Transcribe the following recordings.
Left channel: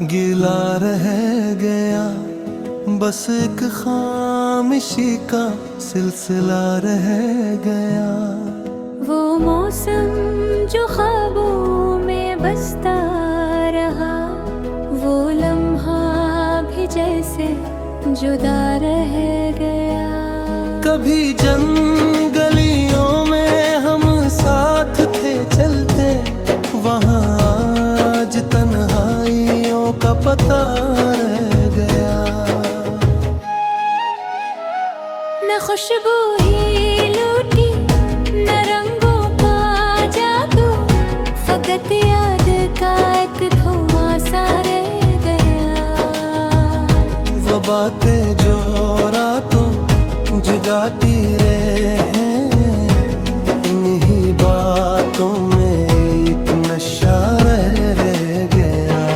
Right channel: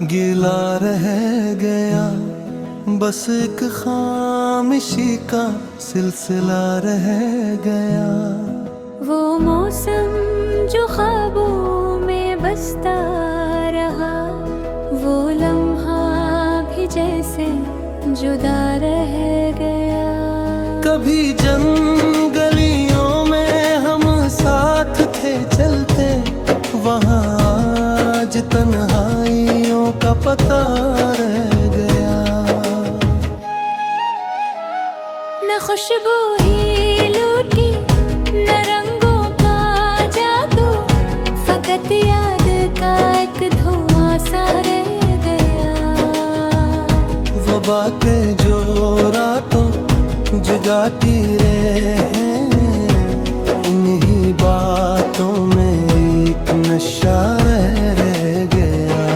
गिला रह गया बस एक खामोशी का सिलसिला रह गया। वो मौसम जो ख्वाबों में बसता रहा, वो लम्हा भी जैसे जुदा रह गया। कभी जंगलियों में हम साथ थे चलते, वहाँ आज तन्हाइयों का पता रह गया। न खुशबू ही लूटी न रंगों का जादू, फकत याद का एक धुआं सा रह गया। वो बातें जो रातों जगाती रहे, इन्हीं बातों में एक नशा रह गया।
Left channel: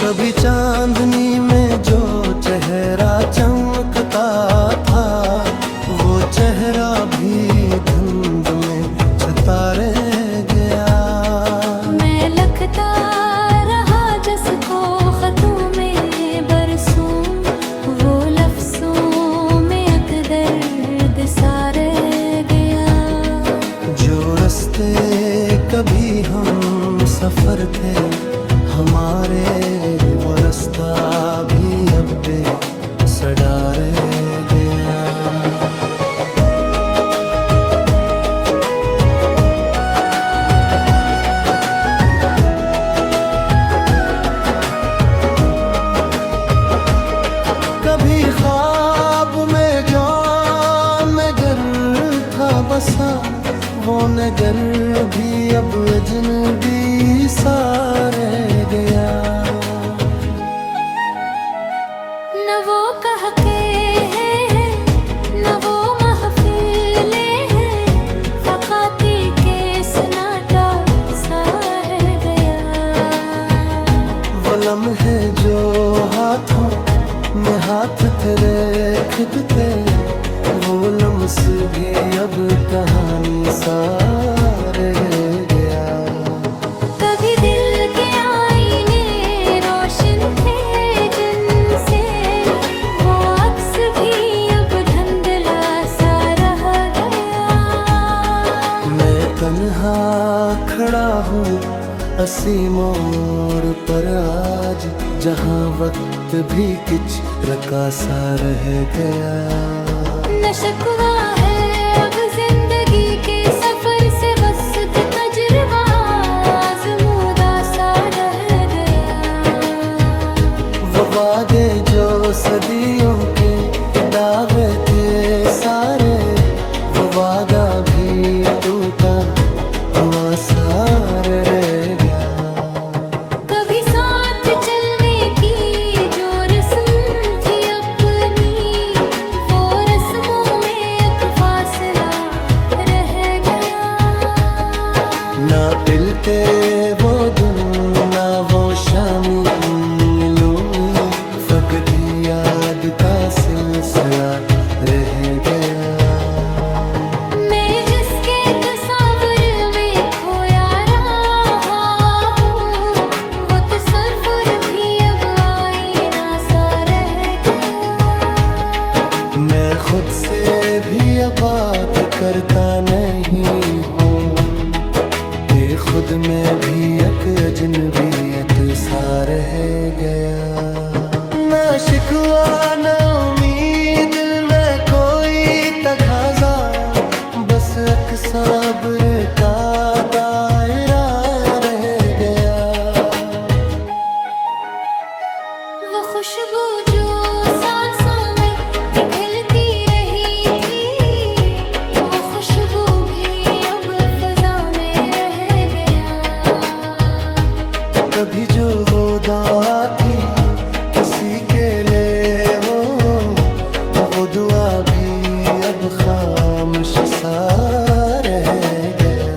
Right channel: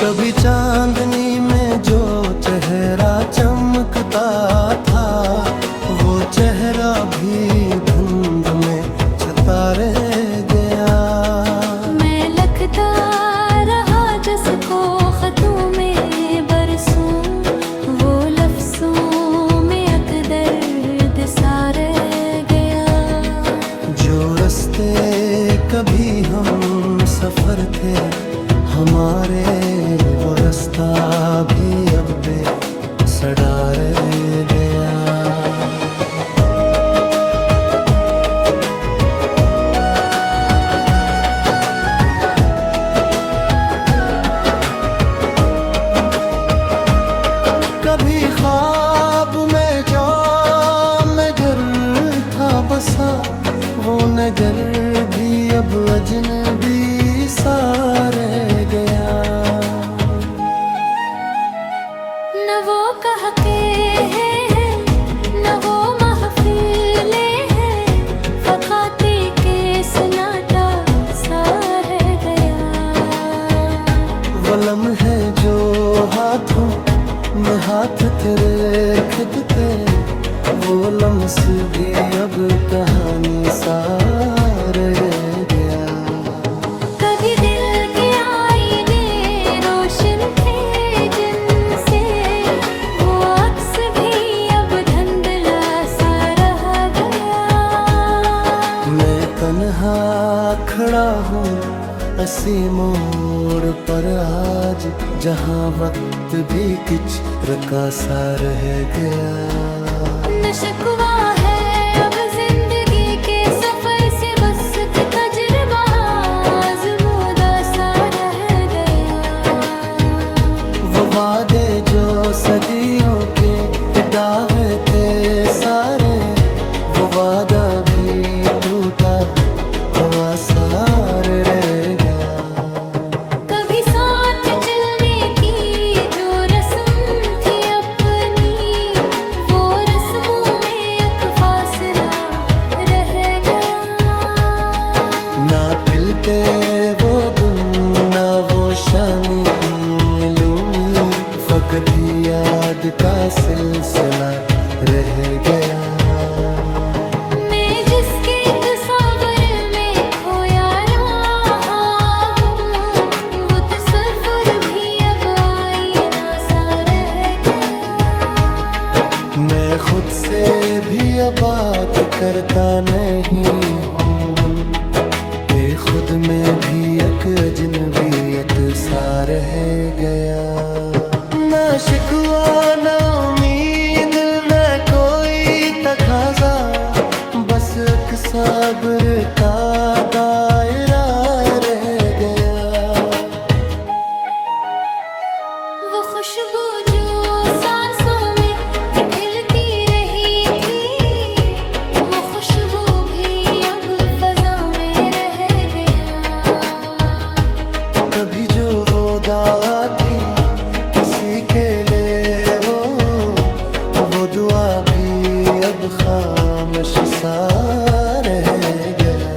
कभी चांदनी में जो चेहरा चमकता था, वो चेहरा भी धुंध में छुपा रह गया। मैं लखता रहा जिसको खतों में बरसूं, वो लफ्जों में दर्द सा रह गया। जो रास्ते कभी हम सफर थे हमारे, वो रास्ता भी अब बेसड़ा रह गया। कभी ख्वाब में जो नगर था बसा, वो नगर भी अब अजनबी सा रह गया। न वो कहके हैं न वो महफिलें हैं, फकाती के सन्नाटा सा रह गया। वो लम्हे जो हाथों में हाथ तेरे खिदते, वो लम्स भी अब कहानी सा रह गया। कभी दिल के आईने रोशन थे जिनसे, वो अक्स भी अब धुंधला सा रह गया। मैं तन्हा खड़ा हूँ असी मोड़ पर आज, जहाँ वक्त भी किच रका सा रह गया। न शिकवा है अब जिंदगी के सफर से, बस एक तजुर्बा आज़मूदा सा रह गया। वो वादे जो सदियों के दावे थे सारे, वो वादा भी टूटा हुआ सा रह गया। कभी साथ चलने की जो रस्म थी अपनी, वो रस्मों में एक फासला रह गया। ना पिलते वो दिन ना वो शामी लूमी, फकत ही याद का सिलसिला रह गया। मैं जिसके तस्वर में खोया रहा हूँ, वो तस्वर भी अब आईना सा रह गया। मैं खुद से भी अब बात करता नहीं हूँ, कि खुद में भी एक अजनबियत सा रह गया। ना शिकवा ना उम्मीद ना कोई तकाज़ा, बस एक सब्र का दायरा रह गया। वो खुशबू जो सांसों में पिघलती रही थी, वो खुशबू भी अब फजा में रह गया। कभी जो वो दावा थी किसी के लिए, वो दुआ भी अब खामोश सा रह गया।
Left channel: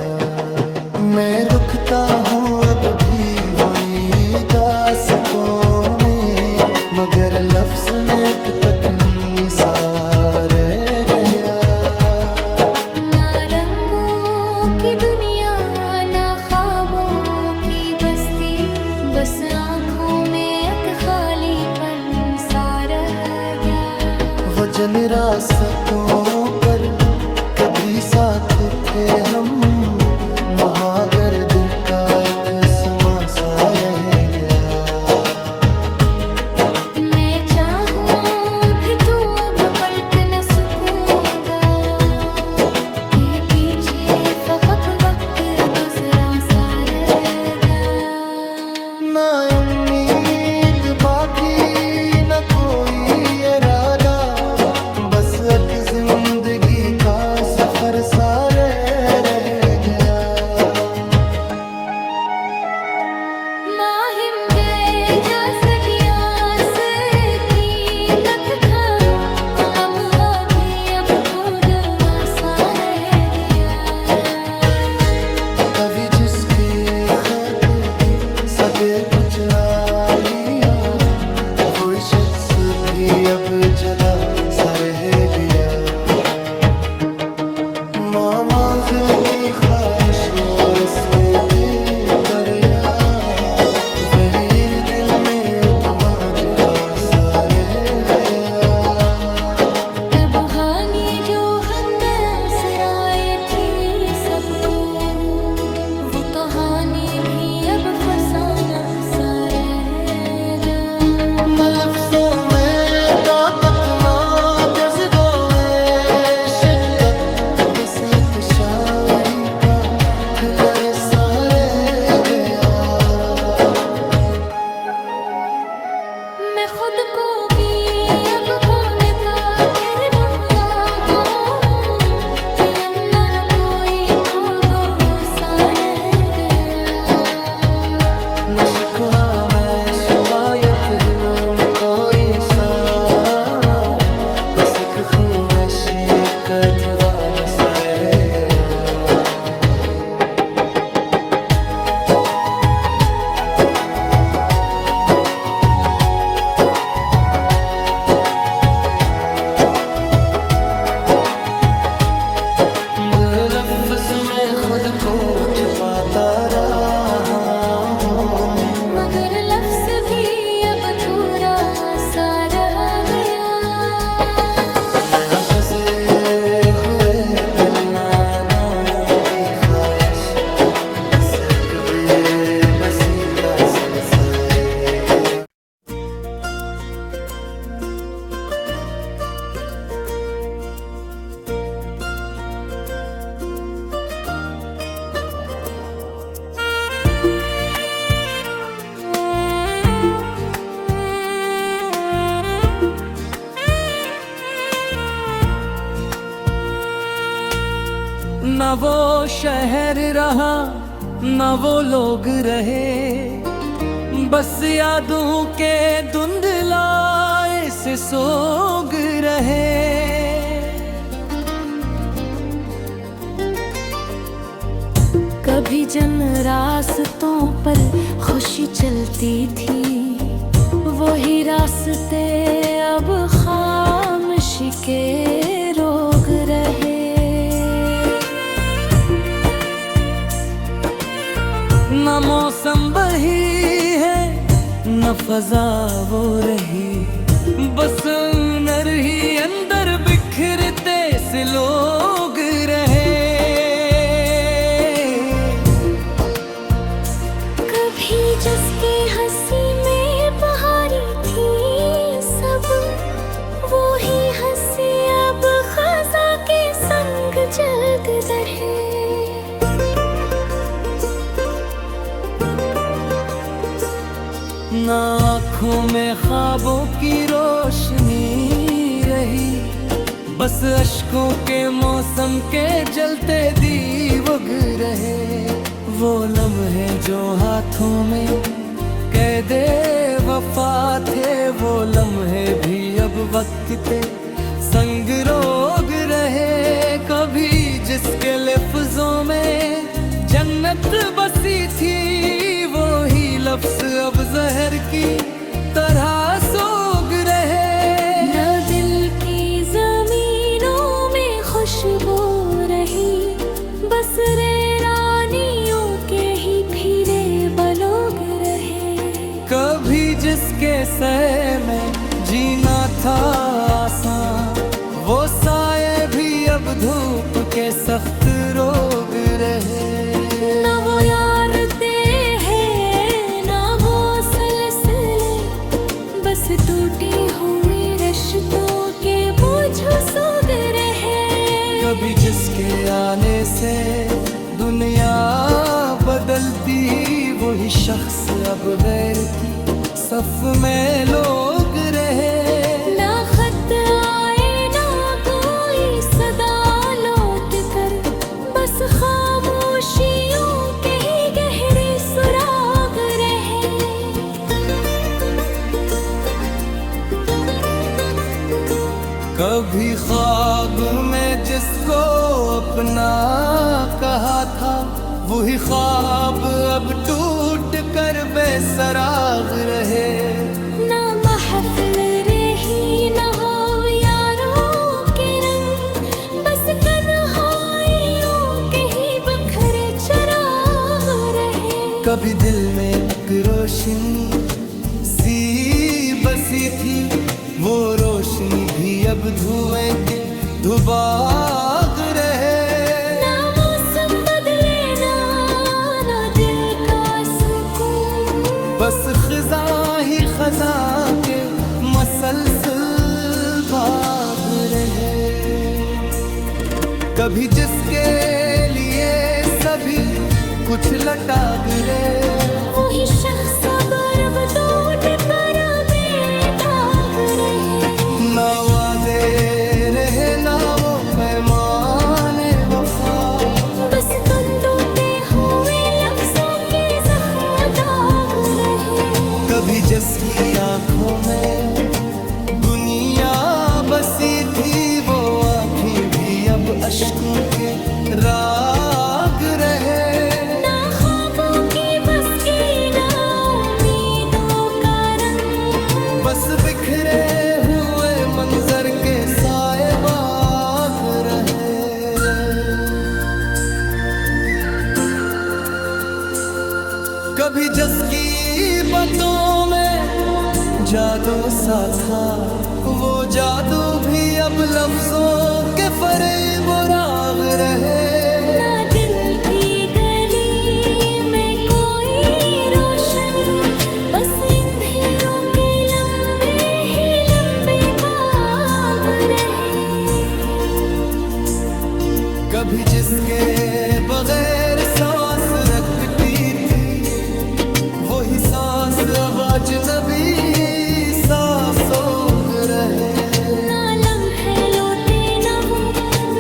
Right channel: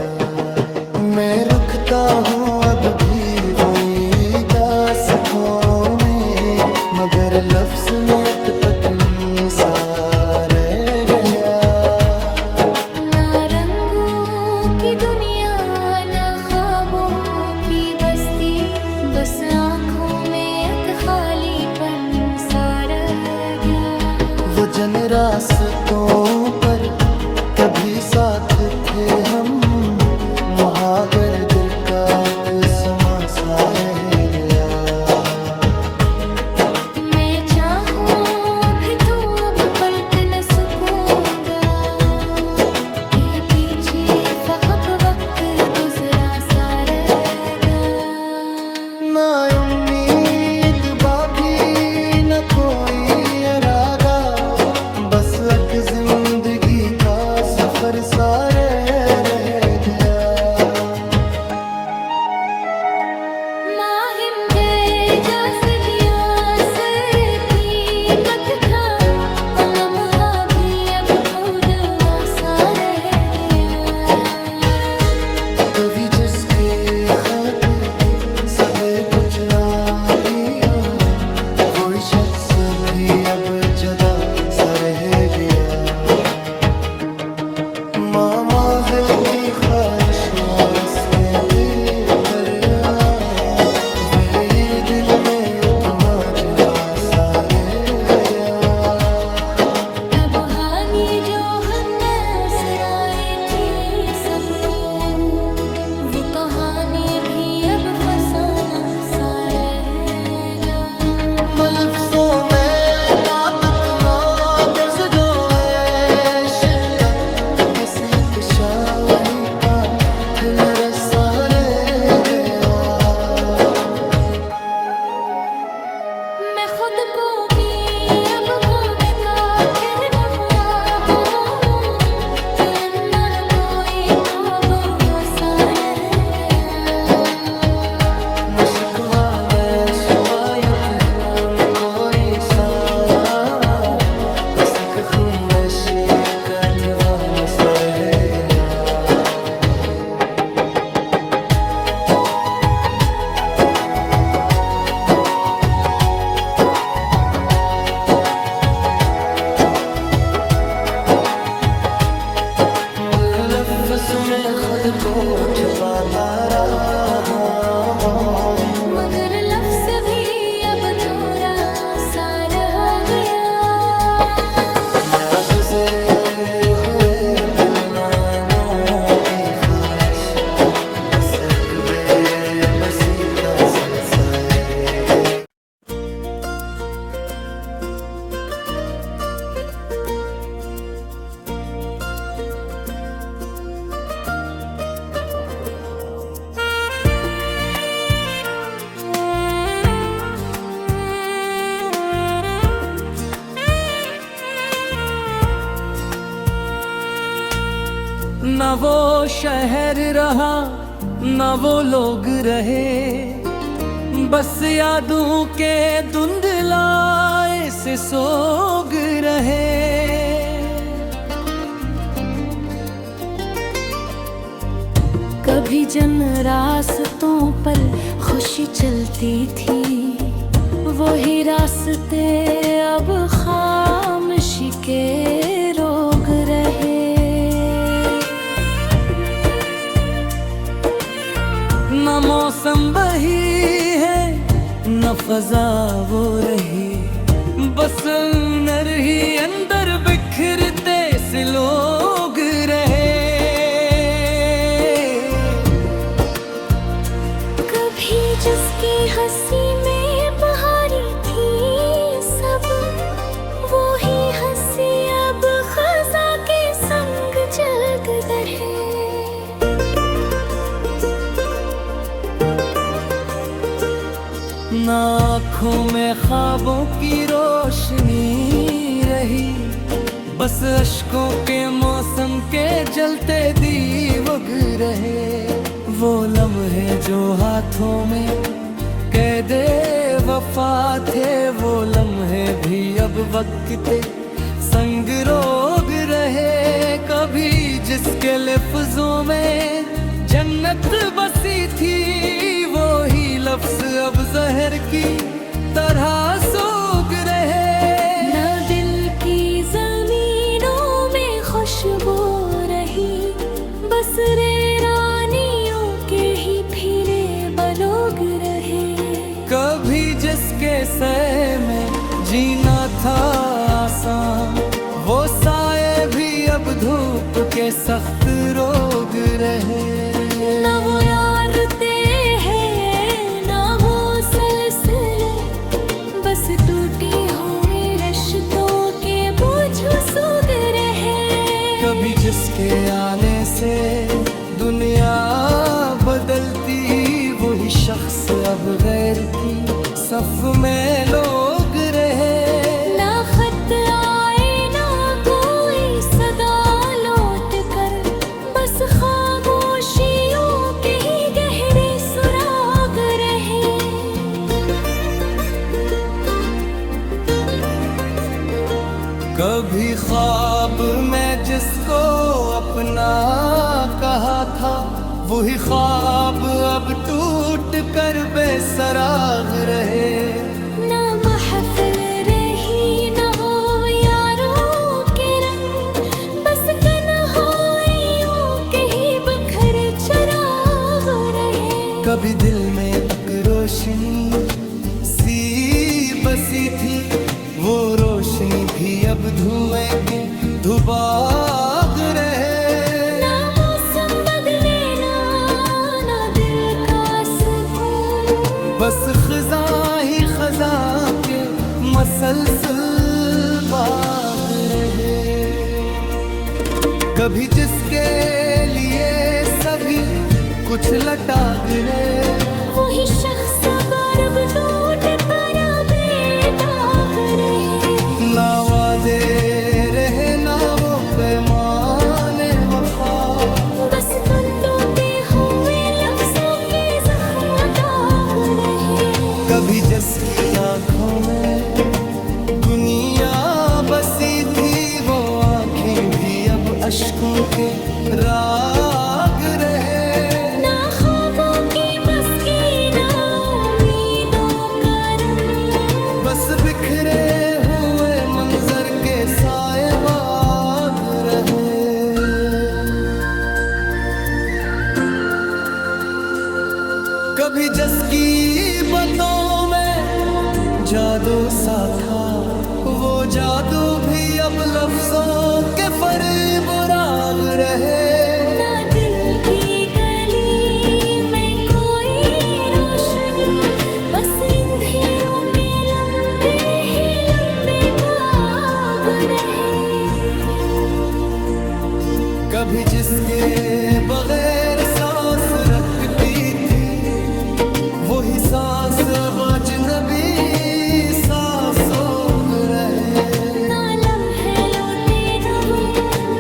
मैं रुकता हूँ अब भी वही दास्तों में, मगर लफ्ज में एक तकनी सा रह गया। ना रंगों की दुनिया ना ख्वाबों की बस्ती, बस आँखों में एक खालीपन सा रह गया। वो जन रास्तों पर कभी साथ थे हम, महागर का एक समा सा रह गया। मैं चाहूँ भी तो अब पलट न सकूंगा, ये पीछे फकत वक्त गुजरा सा रह गया। ना उम्मीद बाकी न कोई इरादा, बस एक जिंदगी का सफर सारे रह गया। माहिंदे जा सदिया से भी नक था, वो लम्हा भी अब खुद सा रह गया। कभी जिसके खत भी सबे कुछ ना लिया, वो शख्स भी अब जदा सा रह गया। मामाजिल की ख्वाहिश और रस्ते पे करया, वही दिल में उतना जवा सा रह गया। तब हानि जो हमने थी सबको, वो कहानी भी अब फसाना सा रहेगा। लफ्ज़ों में ताकत ना जज़्बो है शिद्दत, किसी शाही का दिल रसा रह गया। मैं खुद को भी अब भूलने का फिर दफना हूँ, ये अंदर कोई खोदो सा रह गया। न शिकवा मैं शिकायत है मैं कोरी सा, बस एक खून में शिकत वान सा रह गया। लफ्ज़ में खुद को छुपाता रहा हूँ, मगर लफ्ज़ भी अब थोड़ा सा रह गया। मैं गुजरे हुए पिलना की ख्वाहिश, बस एक बेबसी का सिलसिला रह गया। न वो शहर रहा न वो लोग रहे, बस यादों के धुंधलाए से सोग रहे। कभी जन रास्तों पर खुशी चलती थी, वही रास्ते अब खामोशी के रोग रहे। न मौसम वही है न फजा वो रही, बस अंदर ही अंदर बिखरते से लोग रहे। कभी जिसकी हंसी में बहारी थी सब, वो ही हंसी अब खजा के संग जग रहे। न आँखों में ख्वाबों की रोशनी रही, बस अश्कों के मौसम के जलते दीवग रहे। वो लम्हे जो हाथों में कैदे वफा थे, वो लम्हे भी अब वक्त संग रोग रहे। कभी जिसके लफ्जों में जन्नत बसी थी, वो ही लफ्ज अब जहर की तरह सोग रहे। न दिल की जमीनों में खुशबू रही, बस रे रानियों के ही फिरे बलोग रहे। कभी जिसके सय में जीना था आसान, वो साए भी अब धूप के सख्त रोग रहे। ना वो यार ते हैं ना वो सलसले, बस टूटी हुई रिश्तों के बोझ सूग रहे। कभी जिसके आने से दुनिया बदलती, वही शख्स अब गैर की सफ में लोग रहे। ना खत आए ना कोई सदा लौट कर, बस खामोशियों के ही गहरे सुराग रहे। कभी ख्वाब में जिसको अपना कहा था, वही ख्वाब अब टूट कर बेसराग रहे। ना महफिल रही ना हो यारों के रंग, बस तन्हाइयों के ही बखरे चराग रहे। कभी दिल में अकरोशनी सी बसी थी, वो रोशनी भी अब धुएं के धुबाग रहे। ना मौसम बदले ना दिल का सुकून, बस खज़ा ही खज़ा के मसलसल बाग रहे। कभी जिसके लिए सभी कुछ लटाग रहे, वही शख्स अब टूट कर बेदाग रहे। ना वादे रहे ना वो पैमाने वफा, बस तंदूते हुए लफ्जों के जख्म दाग रहे। कभी जिसकी आंखों में दुनिया बसी थी, वो आंखें भी अब अश्कों के राग रहे। ना ख्वाबों की बस की ना उम्मीदों का रंग, बस बिखरे हुए मंजर के साए बाग रहे। कभी जिसकी बातों में जादू सा था, वो जादू भी अब लफ्जों के फरेब राग रहे। ना दिल की गली में कोई रोशनी, बस अंधेरों के लंबे ही लंबे बाग रहे। कभी जिसके बगैर सांस रखती थी, वही सांस अब अजनबी सांसों रहे। ना लम्हे लौटे ना वो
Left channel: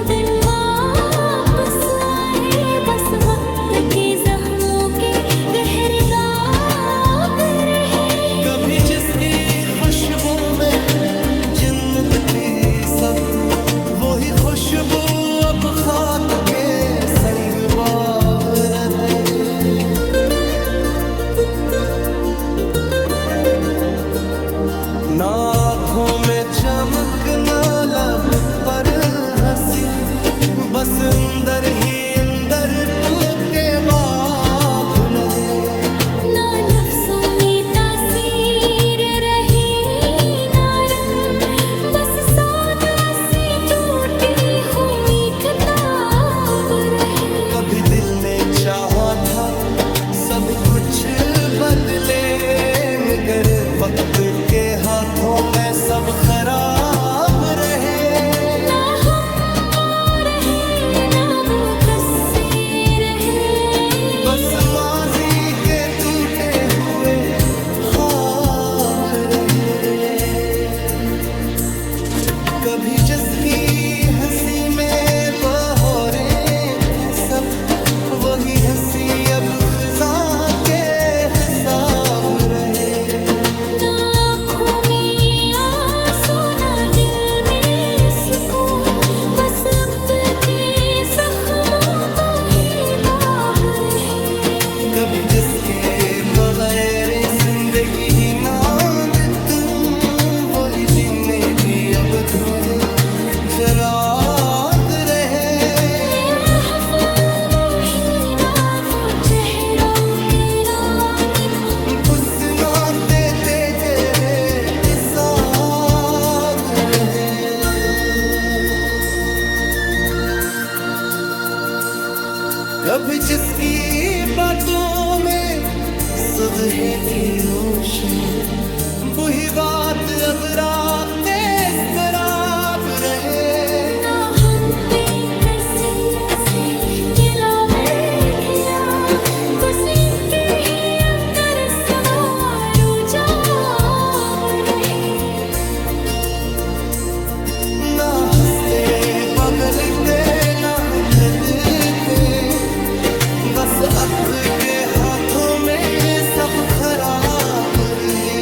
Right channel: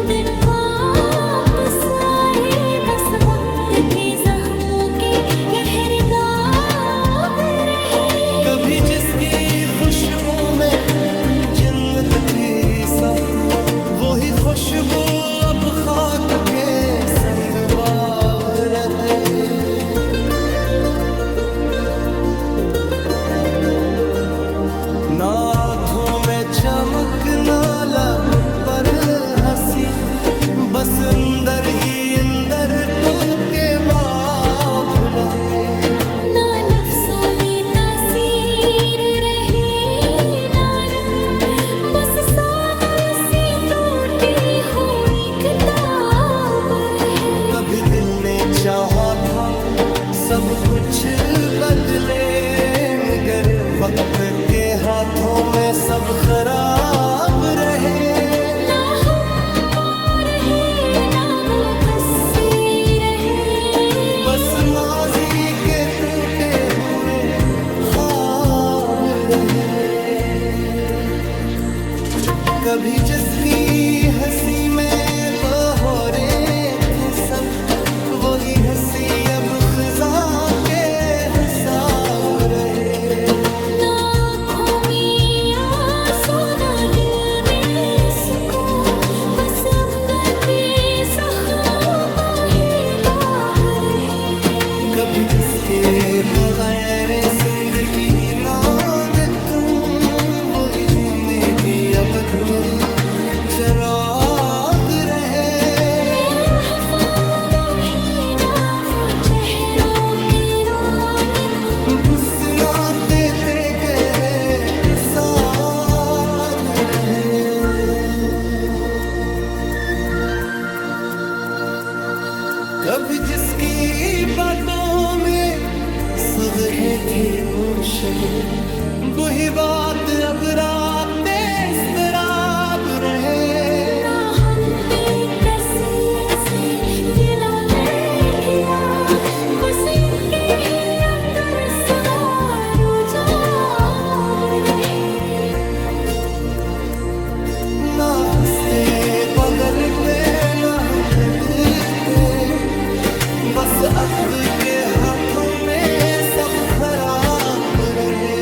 दिन वापस आए, बस वक्त के जख्मों के गहरे दाग रहे। कभी जिसकी खुशबू में जन्नत थी सब, वही खुशबू अब खाक के संग बाग रहे। ना आँखों में चमक ना लब पर हंसी, बस अंदर ही अंदर टूटे बाब लहे। ना लफ्जों में तासीर रही ना रंग, बस सादा सी टूटी हुई किताब रहे। कभी दिल ने चाहा था सब कुछ बदले, मगर वक्त के हाथों में सब खराब रहे। ना हम वो रहे ना वो कस्से रहे, बस माजी के टूटे हुए ख्वाब रहे। कभी जिसकी हंसी में बहोरे थे सब, वही हंसी अब खज़ा के हिसाब रहे। ना आँखों में आंसू ना दिल में सुकून, बस अब के जख्मों का ही दाग रहे। कभी जिसके बगैर जिंदगी ना तुम, वही जिंदगी अब धूले चराग रहे। पुसना ते कभी जिसकी बातों में सुध है थी रोशन, वही बात अब रात इस्तराब रहे। ना हम बेकसी से गिला में गिरा, उसी के ही अंदर सवारो जाब रहे। ना हंसते बदलते ना हम मिलते, बस अब के हाथों में सब खराब रहे।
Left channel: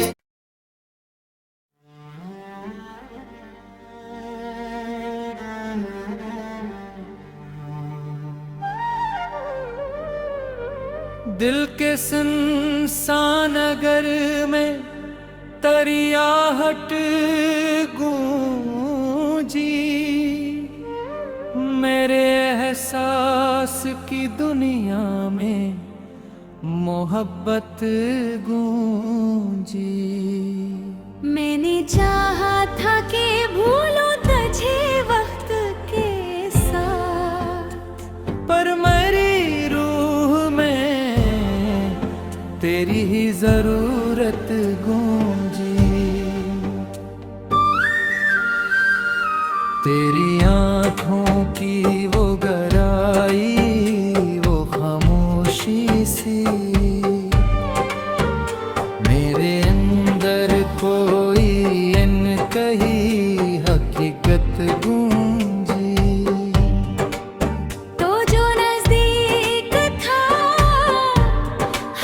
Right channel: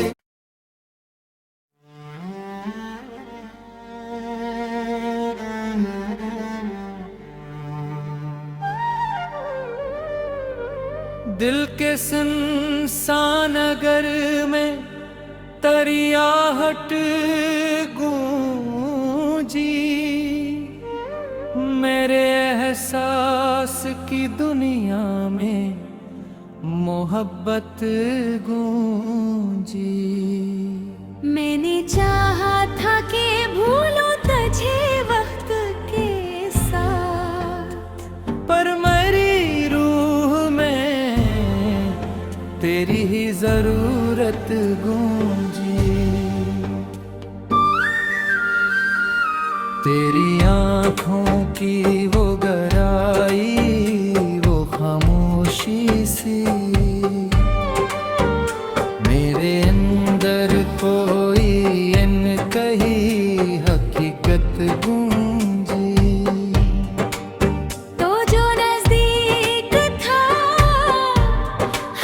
दिल के सुनसान नगर में तरियाहट गूंजी, मेरे एहसास की दुनिया में मोहब्बत गूंजी। मैंने चाहा था कि भूलो तुझे वक्त के साथ, पर मेरी रूह में तेरी ही जरूरत गूंजी। तेरी आँखों की वो गहराई, वो खामोशी सी, मेरे अंदर कोई अनकही हकीकत गूंजी। तो जो नजदीक था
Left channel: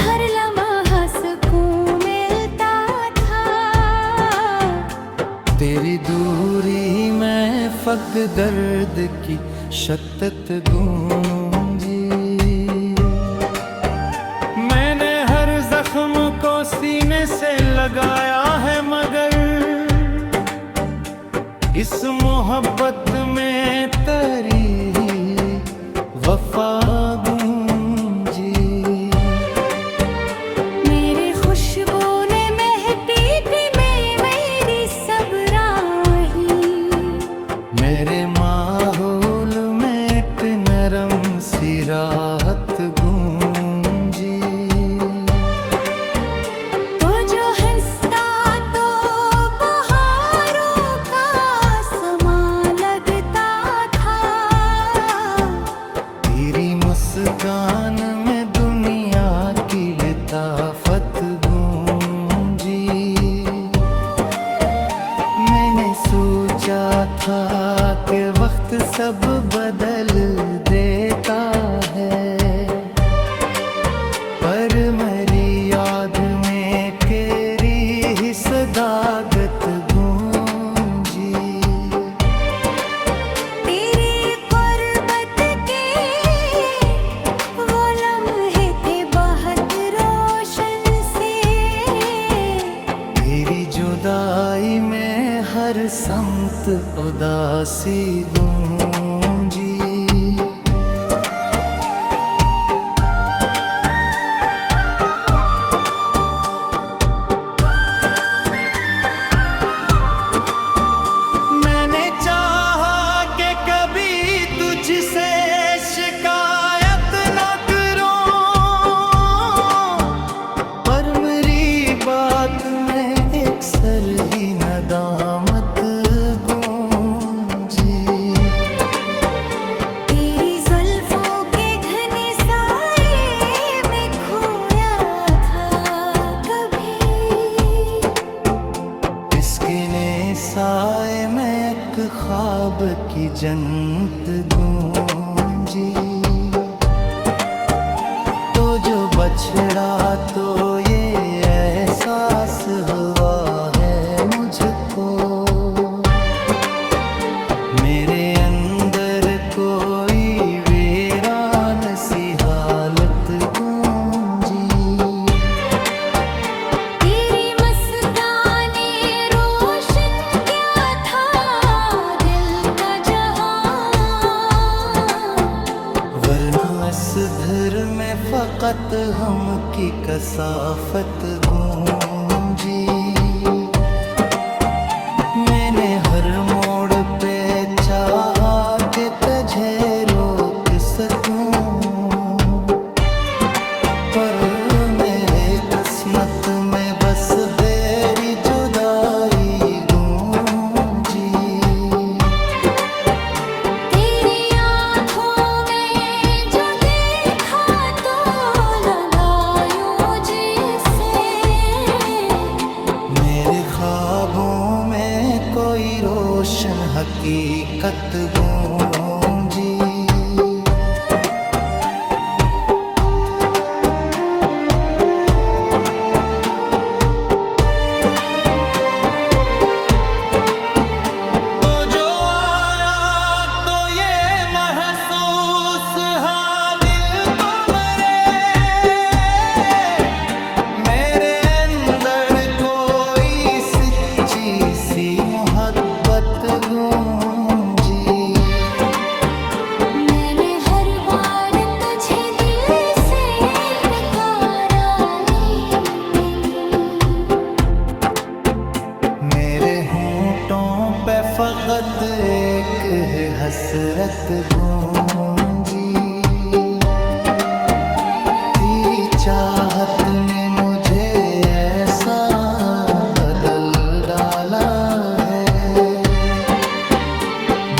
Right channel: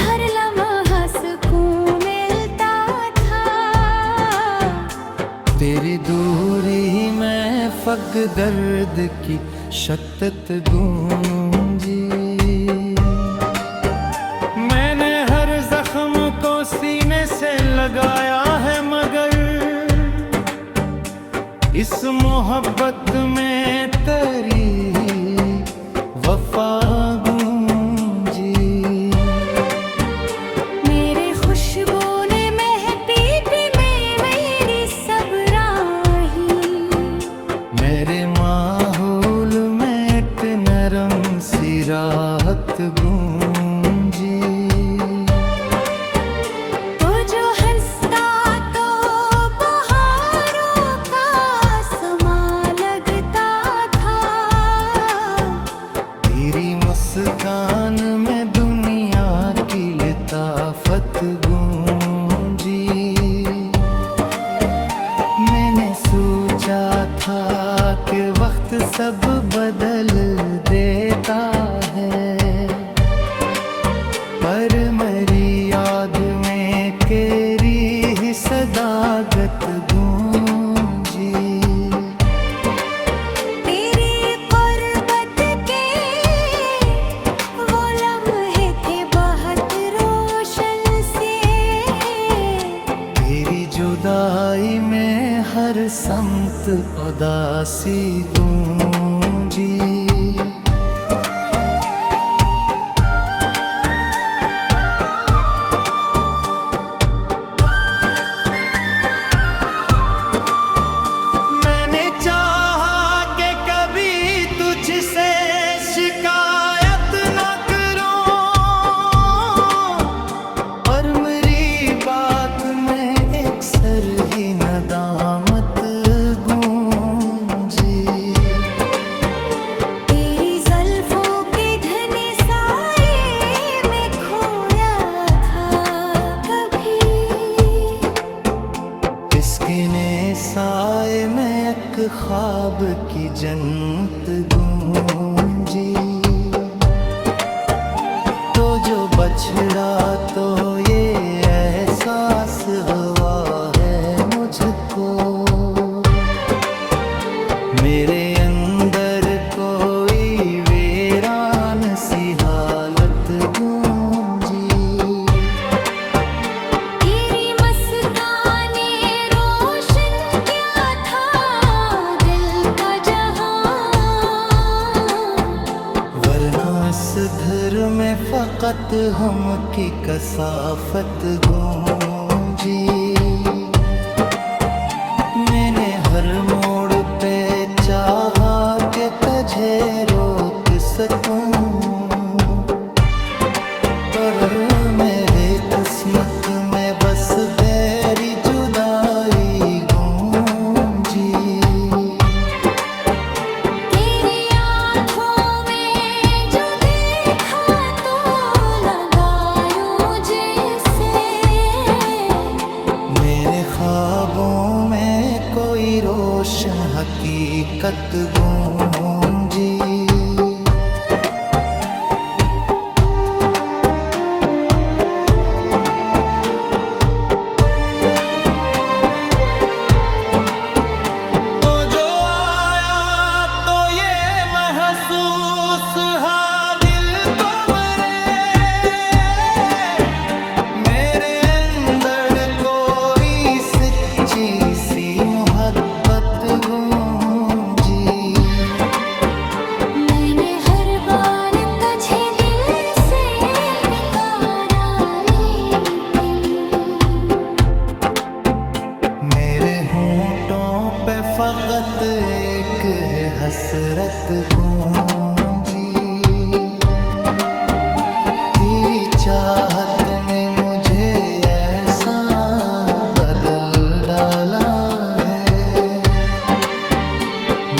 हर लम्हा सुकून मिलता था, तेरी दूरी में फक़ दर्द की शद्दत गूंजी। मैंने हर जख्म को सीने से लगाया है, मगर इस मोहब्बत में तेरी वफा गूंजी। मेरी खुशबू ने महकी थी मेरी सब राही, मेरे माहौल में एक नरम सी राहत गूंजी। तो जो हंसता तो बहारों का समा लगता था, तेरी मुस्कान में दुनिया की लताफत गूंजी। मैंने सोचा था कि वक्त सब बदल देता है, पर मेरी याद में तेरी ही सदाकत गूंजी। तेरी कुर्बत के वो लम्हे थे बहुत रोशन से, तेरी जुदाई में हर समत उदासी गूंजी। मैंने चाहा कि कभी तुझसे शिकायत न करूं, पर मेरी बात में एक सर ही नदामत गूंजी। तेरी जुल्फों के घने साए में खोया था कभी, इसकिने साए में एक ख्वाब की जन्नत गूंजी। तो जो बछड़ा तो ये एहसास हुआ है मुझको, मेरे अंदर कोई वीरान सी हालत गूंजी। तेरी मस्ताने रोशन क्या था दिल का जहां, वरना इस घर में फकत हम की कसाफत गूंजी। मैंने हर मोड़ पे चाहा कि तुझे रोक सकूं, पर मेरे किस्मत में बस तेरी जुदाई गूंजी। तेरी आँखों में जो देखा तो लगा यूं जैसे मेरे ख्वाबों में कोई रोशन हकीकत गूंजी। तो जो आया तो ये महसूस हा दिल को मेरे अंदर कोई सच्ची सी मोहब्बत गूंजी। मैंने हर बार तुझे दिल से पुकारा लेकिन मेरे होंठों पे फकत एक है हसरत गूंजी। तेरी चाहत ने मुझे ऐसा बदल डाला है,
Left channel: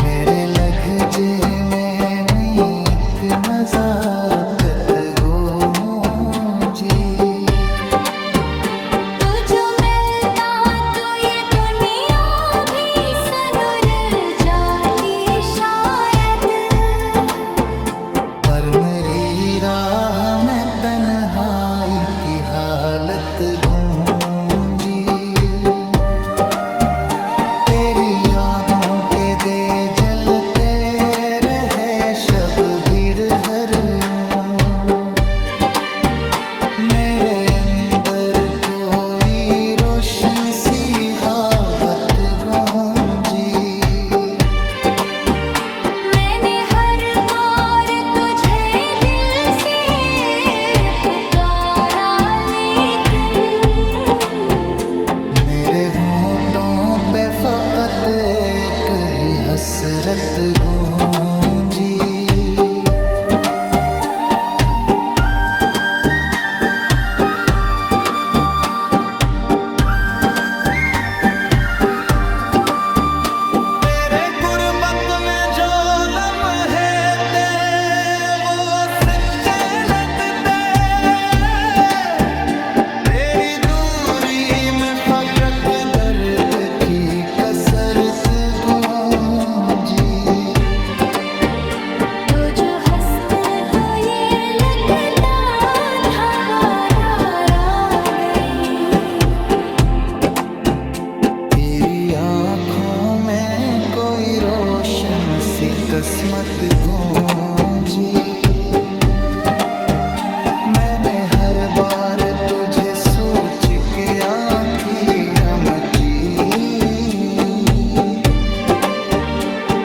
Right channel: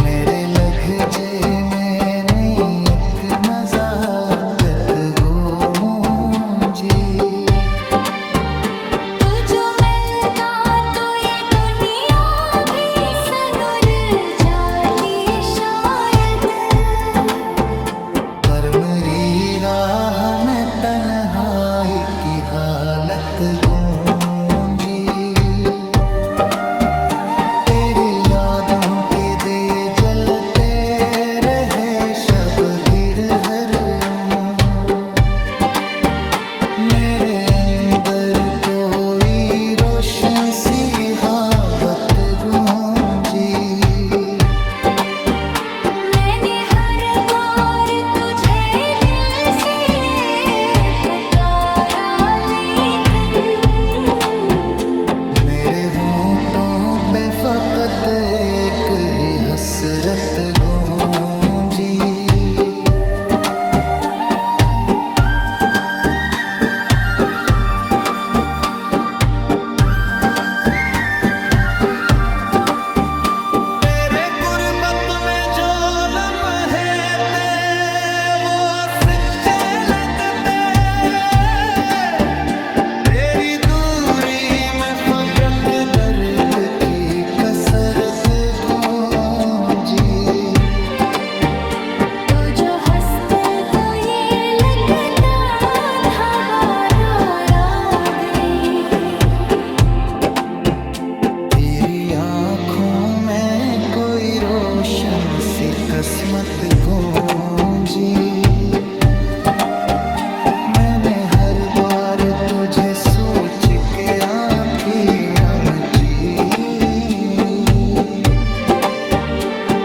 मेरे लहजे में नई एक नजाकत गूंजी। तू जो मिलता तो ये दुनिया भी सनुर जाती शायद। पर मेरी राह में तन्हाई की हालत गूंजी। तेरी यादों के दे जलते रहे शब भीड़ हर मेरे अंदर कोई रोशन सी बात गूंजी। मैंने हर बार तुझे दिल से पुकारा लेकिन मेरे होंठों पे फकत एक ही हसरत गूंजी। तेरे गुर्बत में जो लम्हे थे वो सच्चे लगते, तेरी दूरी में फकत दर्द की कसरत गूंजी। तो जो हंसते तो ये लगता था बारात आ गई। तेरी आँखों में कोई रोशन सी किस्मत गूंजी। मैंने हर बार तुझे सोच के आँखें रमची।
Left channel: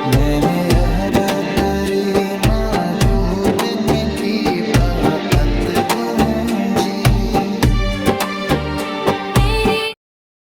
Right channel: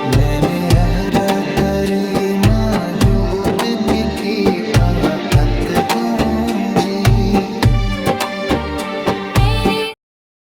मैंने अहर करी मौजूद की आहत गूंजी।